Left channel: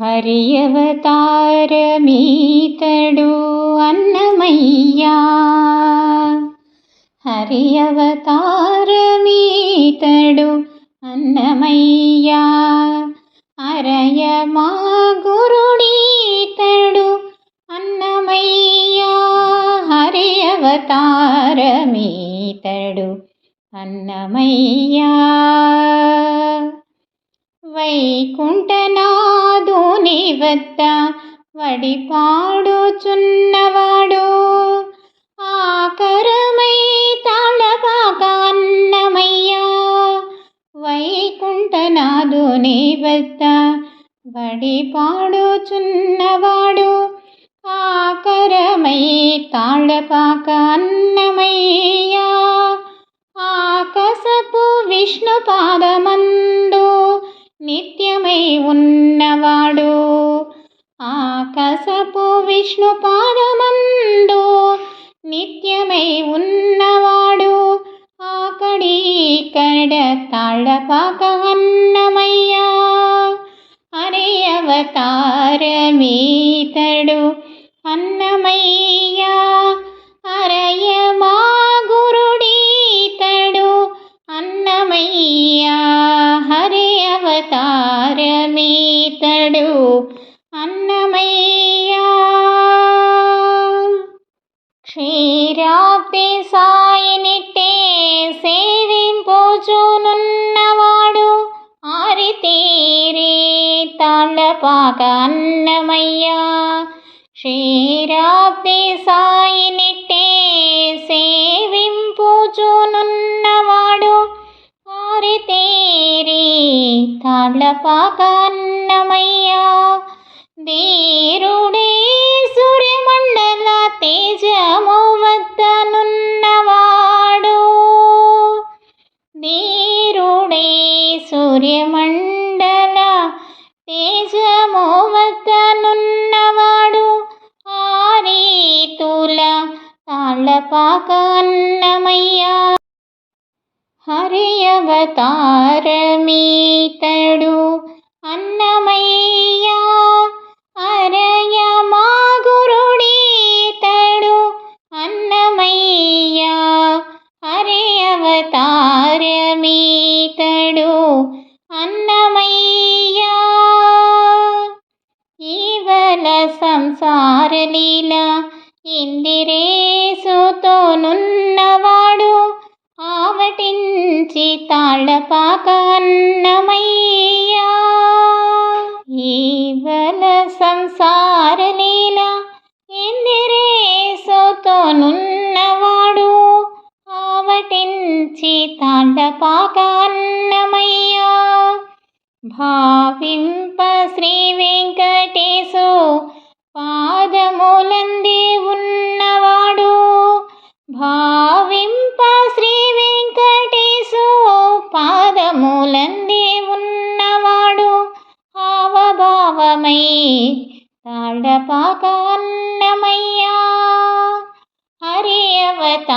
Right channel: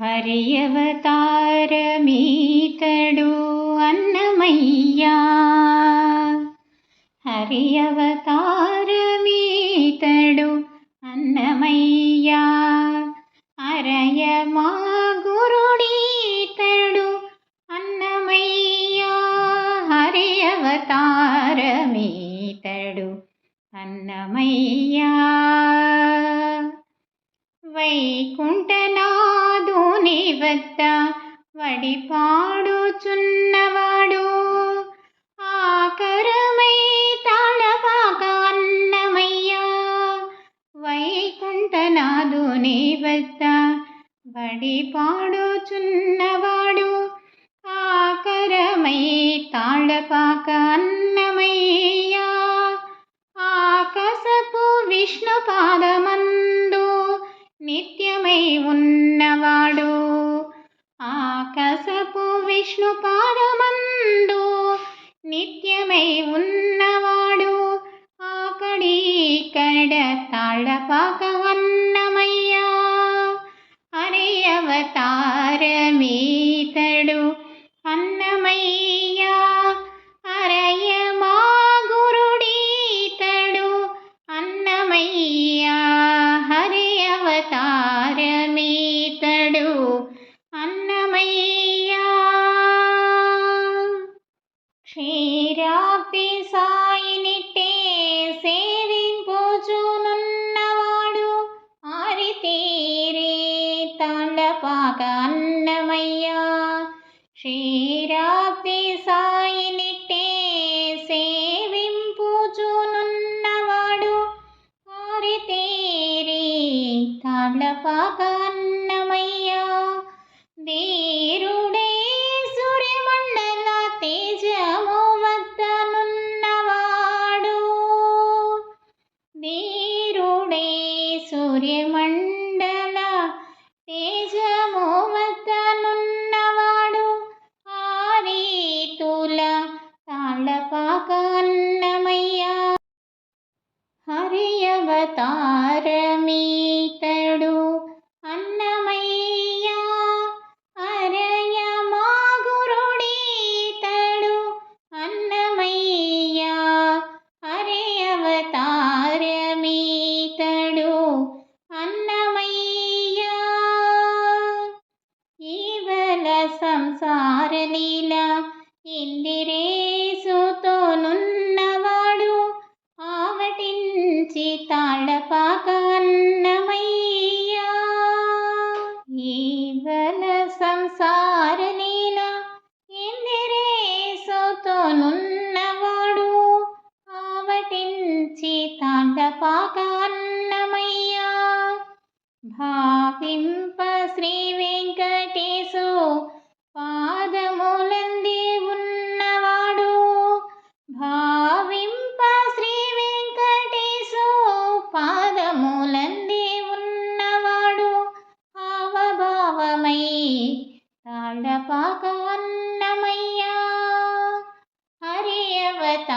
హరియవతారమీతడు అన్నమయ్యా. హరియవతారమీతడు అన్నమయ్యా. అరయ మా గురుడీతడు అన్నమయ్యా. హరియవతారమీతడు అన్నమయ్యా. వైకుంఠనాథుని వద్ద వడిపాడుచున్నవాడు. ఆకరమై తాళపాక అన్నమయ్యా. వైకుంఠనాథుని వద్ద వడిపాడుచున్నవాడు. ఆకరమై తాళపాక అన్న ఉన్నవాడు. ఆకాశపు విష్ణు పాదమందు నిత్యమై ఉన్నవాడు. ఆకడి కడ తాళపాక అన్నమయ్యా. అరే అవతారమే అవతారమీతడు అన్నమయ్యా. క్షీరాబ్ది సాయినిట్టే సేవింపుచూనున్నవాడు ఆరితేరే తాండపాక అన్నమయ్యా. క్షీరాబ్ది తాళ్ళపాక అన్నమయ్యా ధీరుడే సూర్యమండల తేజము వద్దనున్నవాడు. ధీరుడే సూర్యమండల తేజము వద్దనున్నవాడు. ఆరీతుల తాళ్ళపాక అన్నమయ్యా హరియవతారమీతడు అన్నమయ్యా అరయ మా గురుడీతడు అన్నమయ్యా హరియవతారమీతడు అన్నమయ్యా. ఈవల సంసార లీల ఇందిరే ఆవటించి తాళ్ళపాక అన్నమయ్యా ఈవల సంసార లీల ఇందిరేసుతోనున్నవాడు ఆవటించి తాళ్ళపాక అన్నమయ్యా. భావిం తాళపాక అన్నమయ్యా హరి అవతారమీతడు.